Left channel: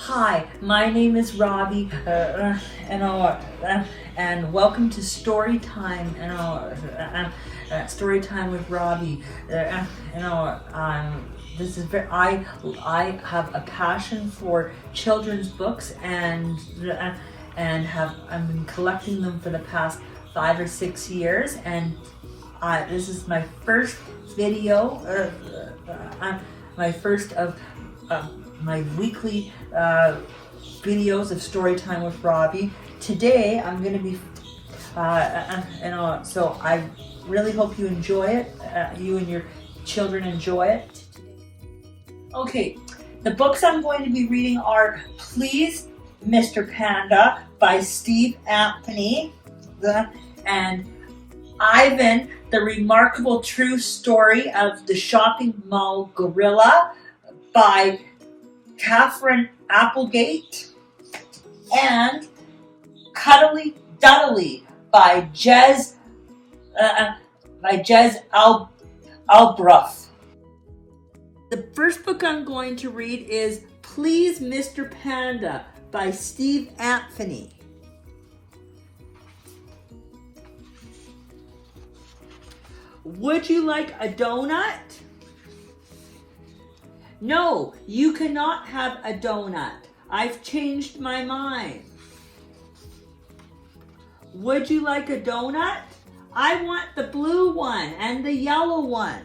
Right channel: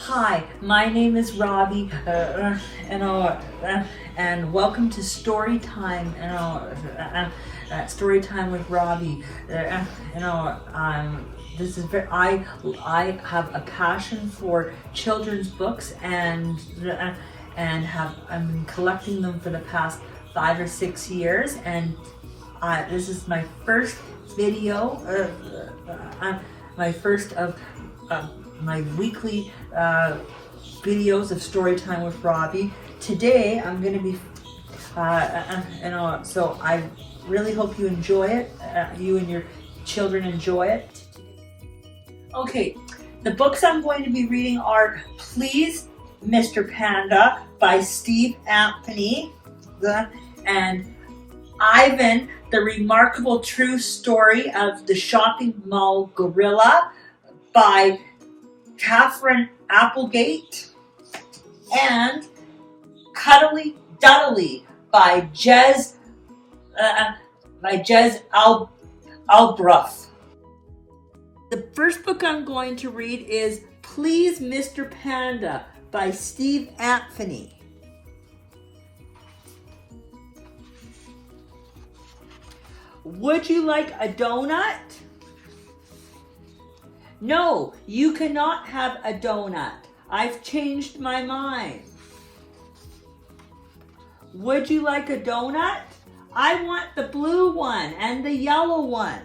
Hi, my name is Robbie, and welcome to Story Time. Story Time with Robbie. This is I have a passion for children's books and I've been collecting them for the past 5 or 6 years, and this is my first video, my first of my weekly videos of Storytime with Robbie. Today I'm going to be, so I really hope you enjoy it, you and your children enjoy it. Okay, the books I'm going to be reading are Please, Mr. Panda by Antony, and Ivan, the Remarkable True Story of the Shopping Mall Gorilla by Katherine Applegate, and Cuddly Dudley by Alborough. The first book I'm going to read is Please, Mr. Panda by Antony. Would you like a donut? No, you cannot have a donut. I've changed my mind. Would you like a donut? I want the blue one and the yellow one.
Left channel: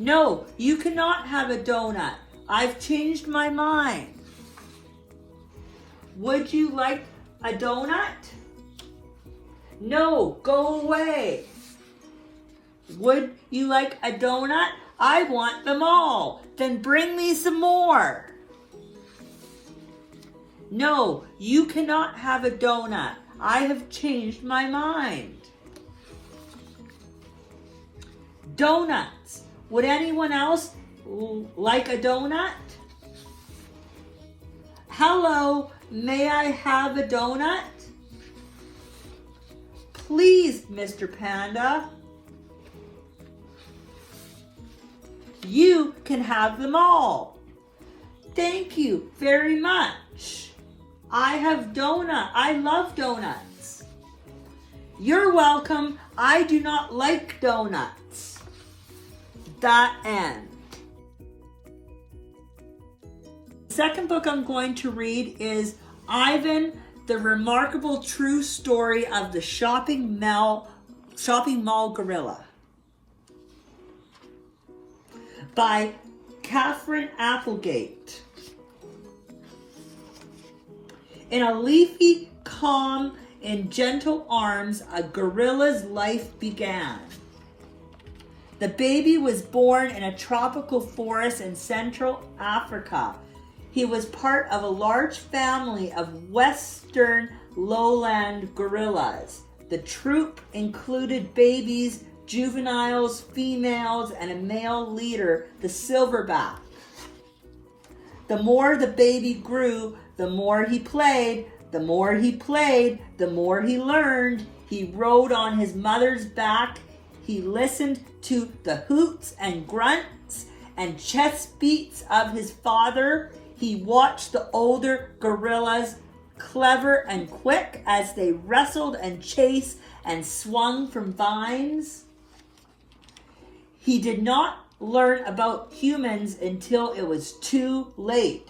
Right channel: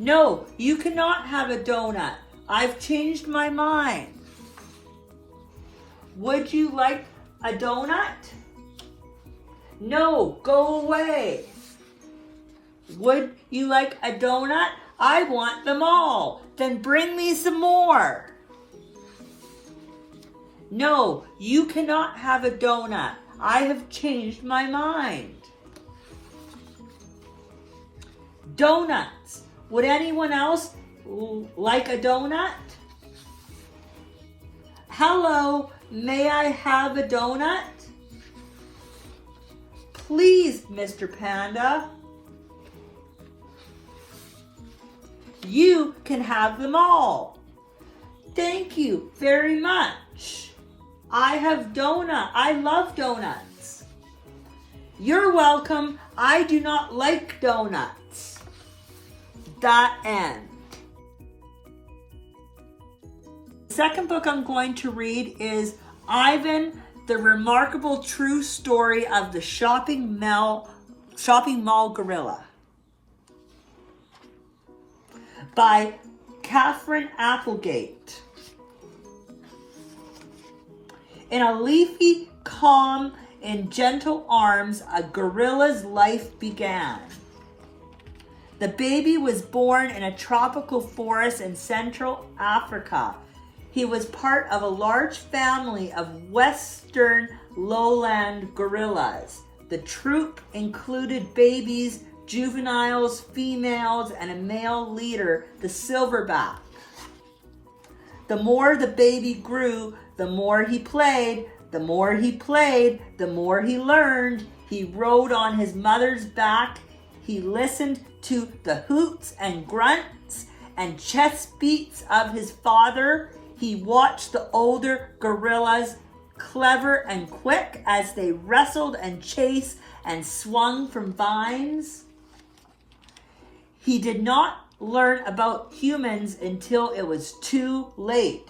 No, you cannot have a donut. I've changed my mind. Would you like a donut? No, go away. Would you like a donut? I want them all. Then bring me some more. No, you cannot have a donut. I have changed my mind. Donuts. Would anyone else like a donut? Hello, may I have a donut? Please, Mr. Panda. You can have them all. Thank you very much. I love donuts. You're welcome. I do not like donuts. That end. The second book I'm going to read is Ivan, the Remarkable True Story of the Shopping Mall Gorilla by Katherine Applegate. In a leafy, calm, and gentle arms, a gorilla's life began. The baby was born in a tropical forest in Central Africa. He was part of a large family of western lowland gorillas. The troop included babies, juveniles, females, and a male leader, the silverback. The more the baby grew, the more he played. The more he played, the more he learned. He rode on his mother's back. He listened to the hoots and grunts and chest beats of his father. He watched the older gorillas, clever and quick, as they wrestled and chased and swung from vines. He did not learn about humans until it was too late.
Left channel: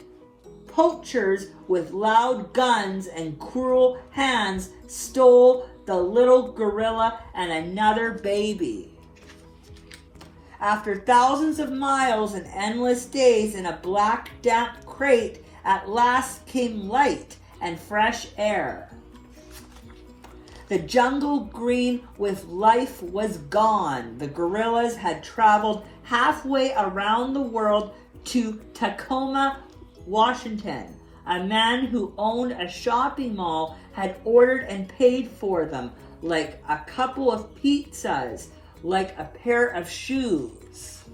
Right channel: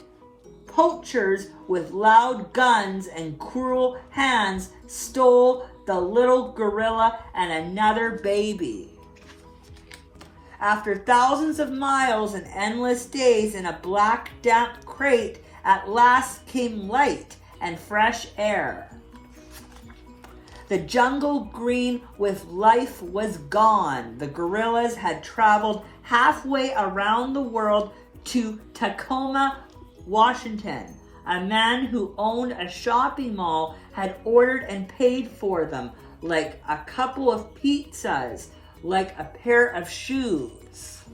Poachers with loud guns and cruel hands stole the little gorilla and another baby. After thousands of miles and endless days in a black, damp crate, at last came light and fresh air. The jungle green with life was gone. The gorillas had traveled halfway around the world to Tacoma, Washington. A man who owned a shopping mall had ordered and paid for them, like a couple of pizzas, like a pair of shoes.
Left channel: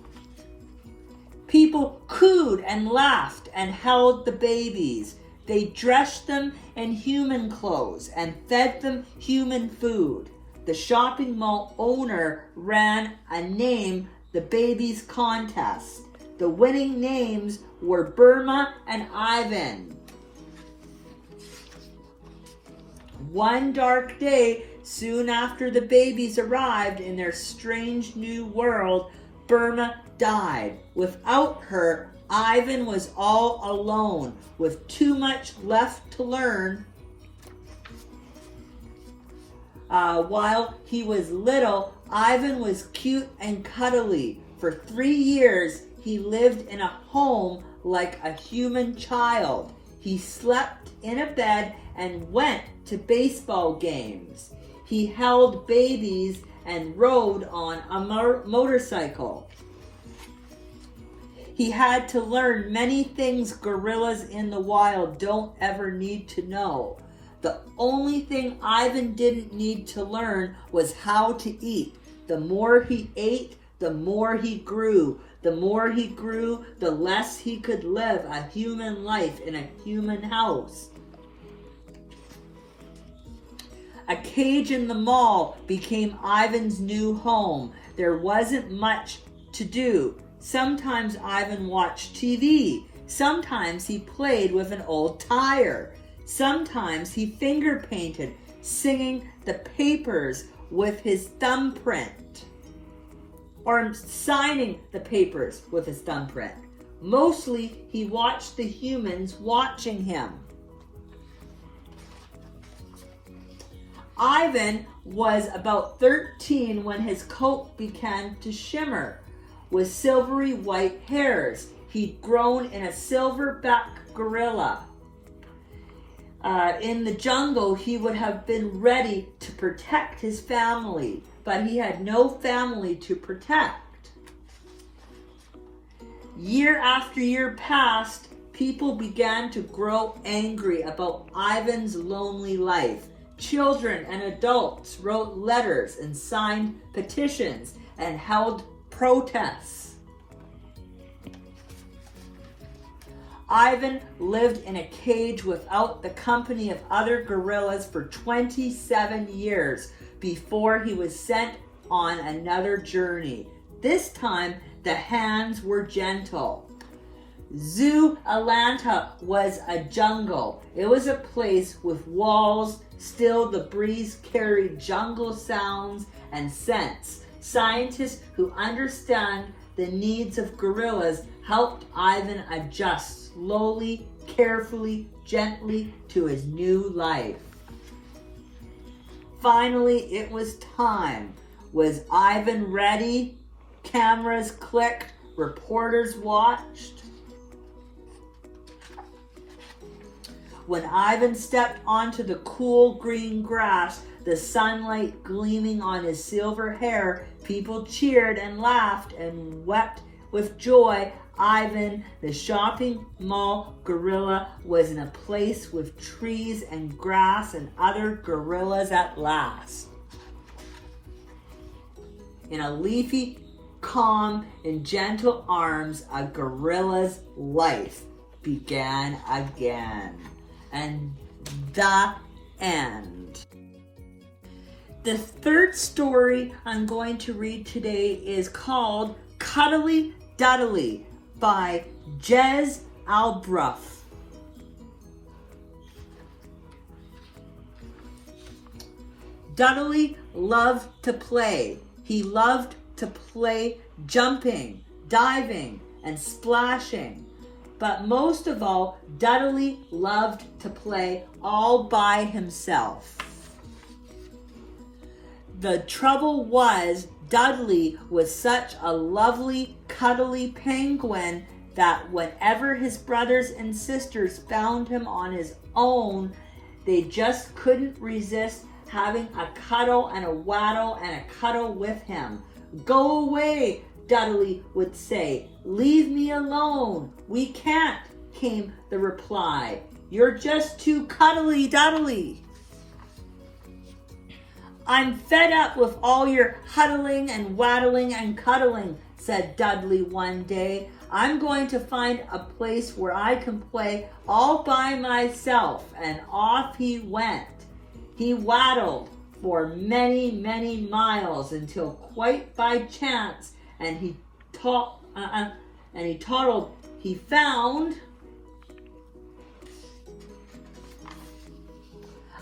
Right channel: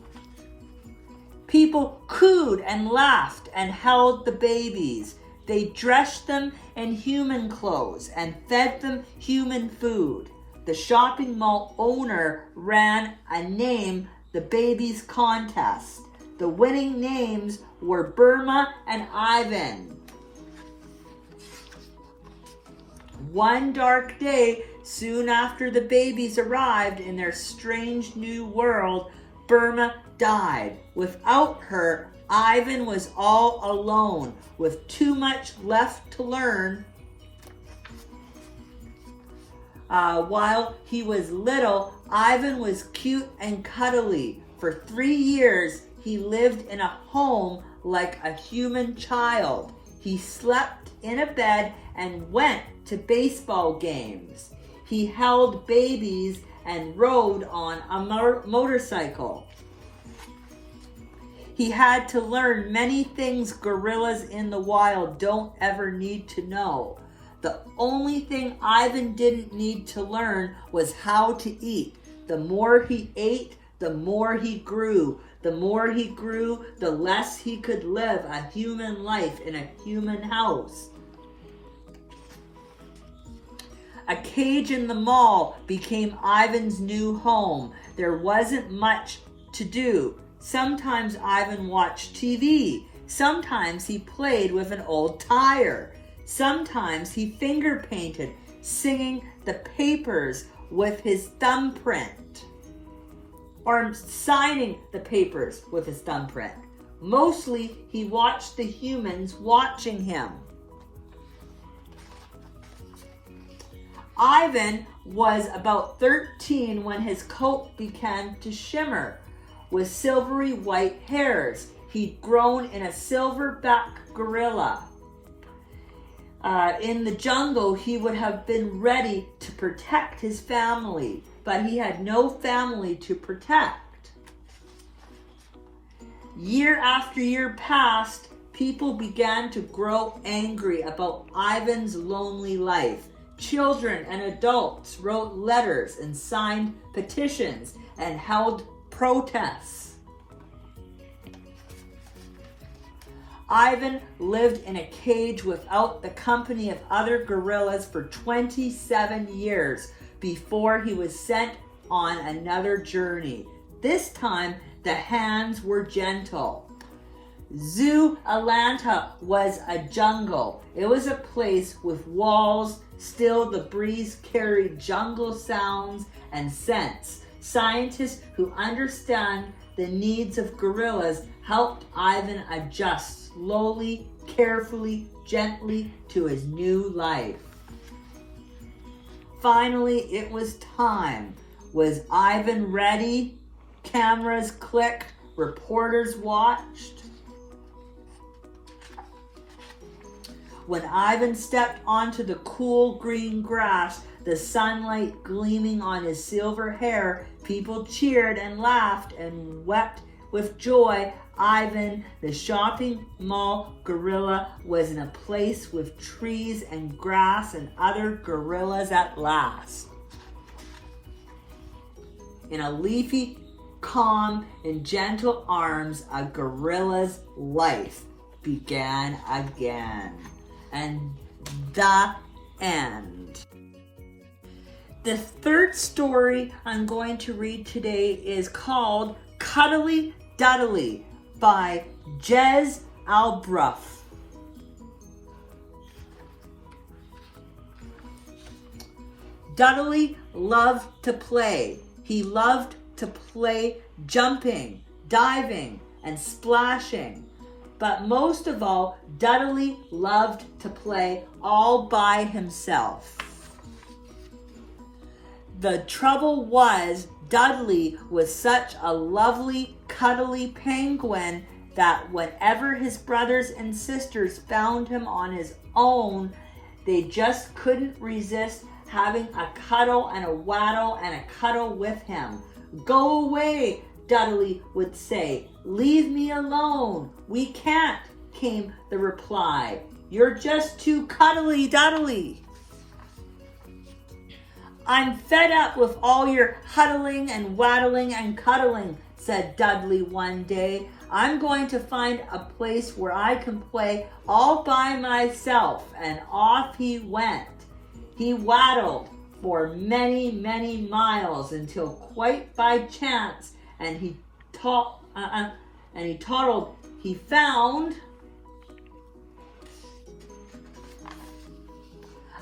People cooed and laughed and held the babies. They dressed them in human clothes and fed them human food. The shopping mall owner ran a Name the Babies contest. The winning names were Burma and Ivan. One dark day, soon after the babies arrived in their strange new world, Burma died. Without her, Ivan was all alone, with too much left to learn. While he was little, Ivan was cute and cuddly. For 3 years, he lived in a home like a human child. He slept in a bed and went to baseball games. He held babies and rode on a motorcycle. He had to learn many things gorillas in the wild don't ever need to know. The only thing Ivan didn't need to learn was how to eat. The more he ate, the more he grew. The more he grew, the less he could live a human life in a human house. A cage in the mall became Ivan's new home. There wasn't much to do. Sometimes Ivan watched TV. Sometimes he played with an old tire. Sometimes he finger painted, singing the papers with his thumbprint, or signing the papers with his thumbprint. Mostly, he watched the humans watching him. Ivan was about 13 when his coat began to shimmer with silvery white hairs. He'd grown in a silverback gorilla. In the jungle, he would have been ready to protect his family, but he had no family to protect. Year after year passed, people began to grow angry about Ivan's lonely life. Children and adults wrote letters and signed petitions and held protests. Ivan lived in a cage without the company of other gorillas for 27 years before he was sent on another journey. This time, the hands were gentle. Zoo Atlanta was a jungle. It was a place with walls. Still, the breeze carried jungle sounds and scents. Scientists who understand the needs of gorillas helped Ivan adjust slowly, carefully, gently to his new life. Finally, it was time. Was Ivan ready? Cameras clicked, reporters watched. When Ivan stepped onto the cool green grass, the sunlight gleaming on his silver hair, people cheered and laughed and wept with joy. Ivan, the shopping mall gorilla, was in a place with trees and grass and other gorillas at last. In a leafy, calm, and gentle arms, a gorilla's life began again. And the end. The third story I'm going to read today is called Cuddly Dudley by Alborough. Dudley loved to play. He loved to play jumping, diving, and splashing. But most of all, Dudley loved to play all by himself. The trouble was, Dudley was such a lovely, cuddly penguin that whenever his brothers and sisters found him on his own, they just couldn't resist having a cuddle and a waddle and a cuddle with him. "Go away," Dudley would say. "Leave me alone." "We can't," came the reply. "You're just too cuddly, Dudley." "I'm fed up with all your huddling and waddling and cuddling," said Dudley one day. "I'm going to find a place where I can play all by myself." And off he went. He waddled for many, many miles until quite by chance, and he and he toddled. He found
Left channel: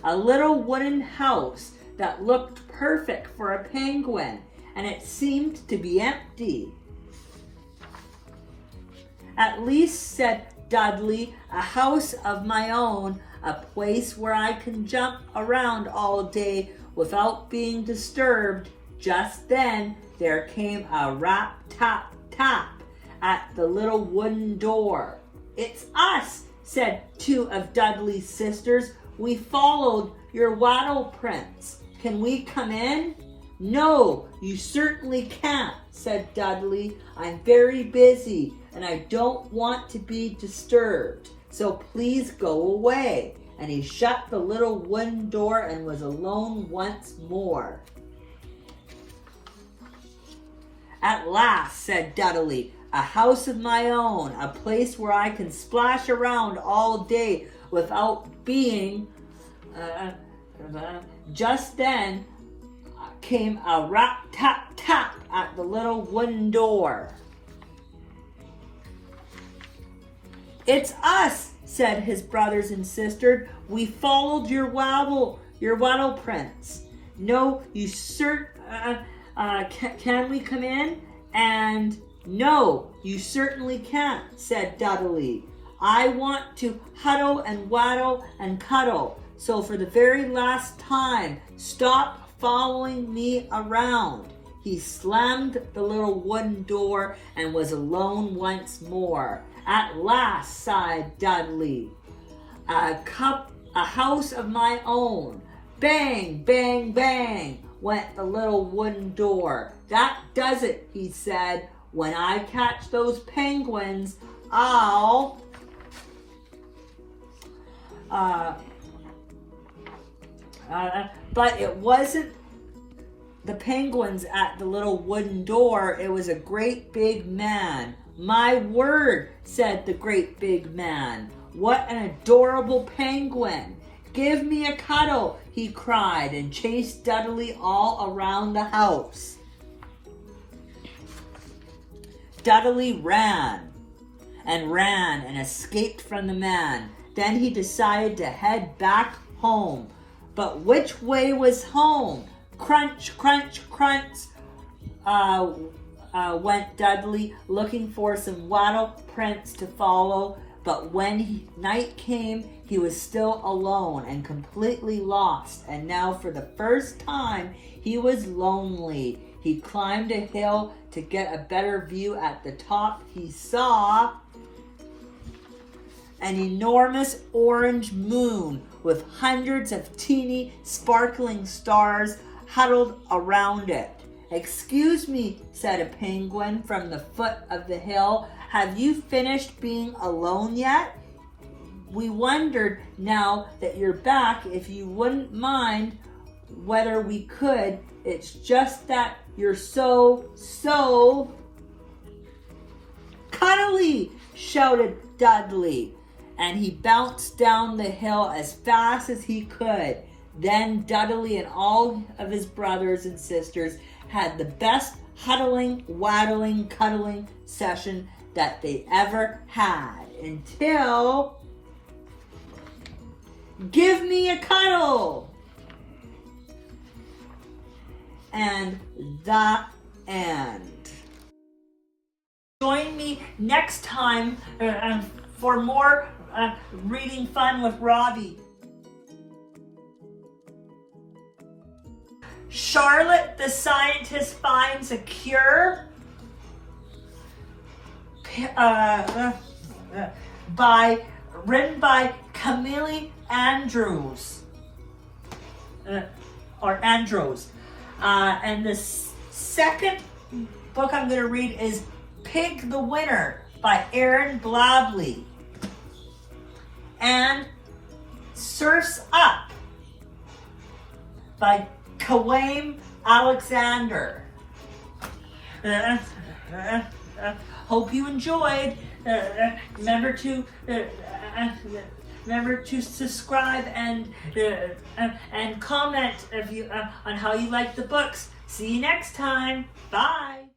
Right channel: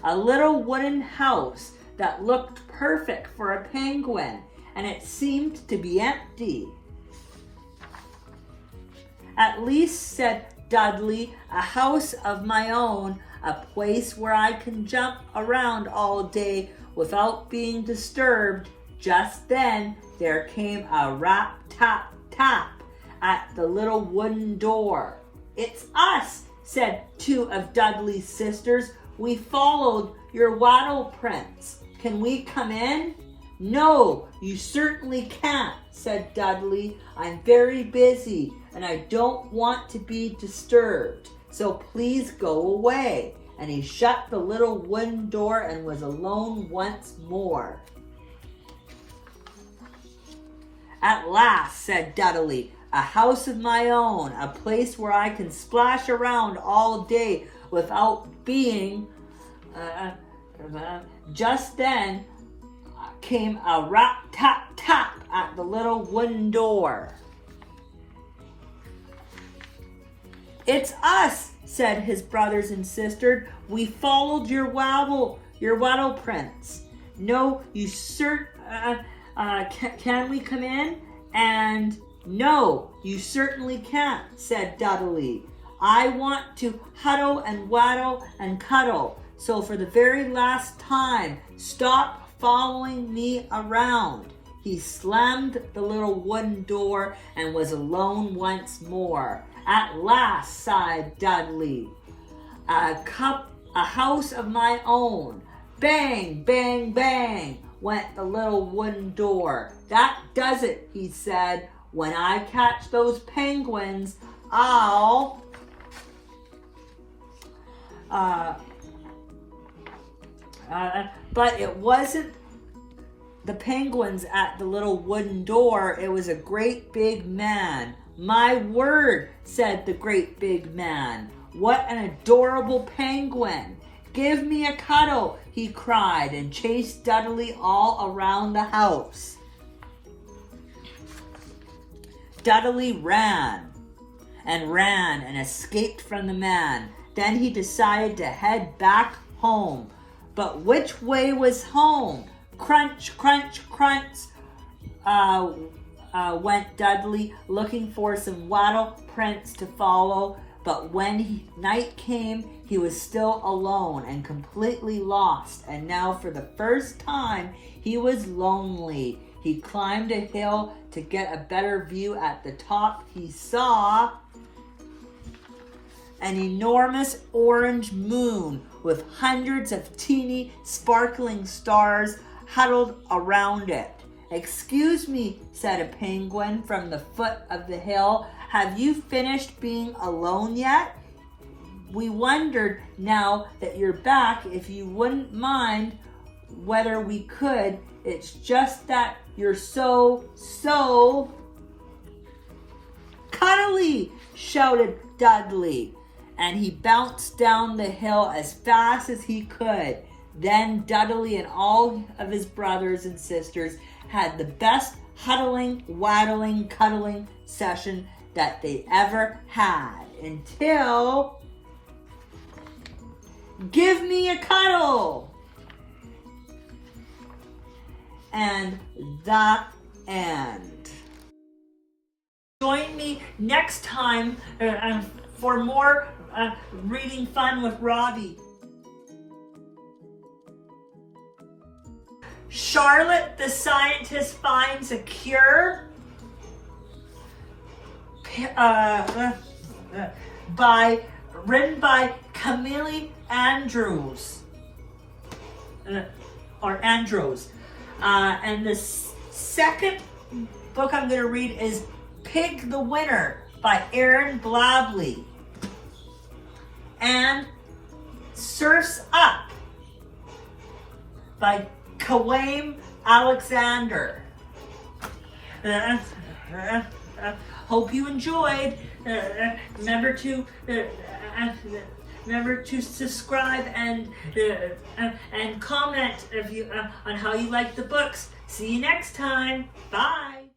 a little wooden house that looked perfect for a penguin, and it seemed to be empty. "At least," said Dudley, "a house of my own, a place where I can jump around all day without being disturbed." Just then there came a rap, tap, tap at the little wooden door. "It's us," said two of Dudley's sisters. "We followed your waddle prints. Can we come in?" "No, you certainly can't," said Dudley. "I'm very busy and I don't want to be disturbed, so please go away." And he shut the little wooden door and was alone once more. "At last," said Dudley, "a house of my own, a place where I can splash around all day without being..." Just then came a rap, tap, tap at the little wooden door. "It's us," said his brothers and sisters. "We followed your waddle prints." "No, you can we come in?" And "No, you certainly can't," said Dudley. "I want to huddle and waddle and cuddle. So for the very last time, stop following me around." He slammed the little wooden door and was alone once more. "At last," sighed Dudley, a house of my own." Bang, bang, bang went the little wooden door. "That does it," he said. "When I catch those penguins, I'll..." But it wasn't the penguins at the little wooden door. It was a great big man. "My word," said the great big man. "What an adorable penguin. Give me a cuddle," he cried, and chased Dudley all around the house. Dudley ran and escaped from the man. Then he decided to head back home. But which way was home? Crunch, crunch, crunch, went Dudley, looking for some waddle prints to follow. But when night came, he was still alone and completely lost. And now for the first time, he was lonely. He climbed a hill to get a better view. At the top, he saw an enormous orange moon with hundreds of teeny sparkling stars huddled around it. "Excuse me," said a penguin from the foot of the hill. "Have you finished being alone yet? We wondered, now that you're back, if you wouldn't mind whether we could. It's just that you're so cuddly," shouted Dudley. And he bounced down the hill as fast as he could. Then Dudley and all of his brothers and sisters had the best huddling, waddling, cuddling session that they ever had, until "Give me a cuddle!" And the end. Join me next time for more reading fun with Robbie. Charlotte the Scientist Finds a Cure, written by Camille Andrews, and the second book I'm going to read is Pig the Winner by Aaron Blabley, and Surf's Up by Kawaim Alexander. Hope you enjoyed. Remember to subscribe and comment if you on how you like the books. See you next time. Bye.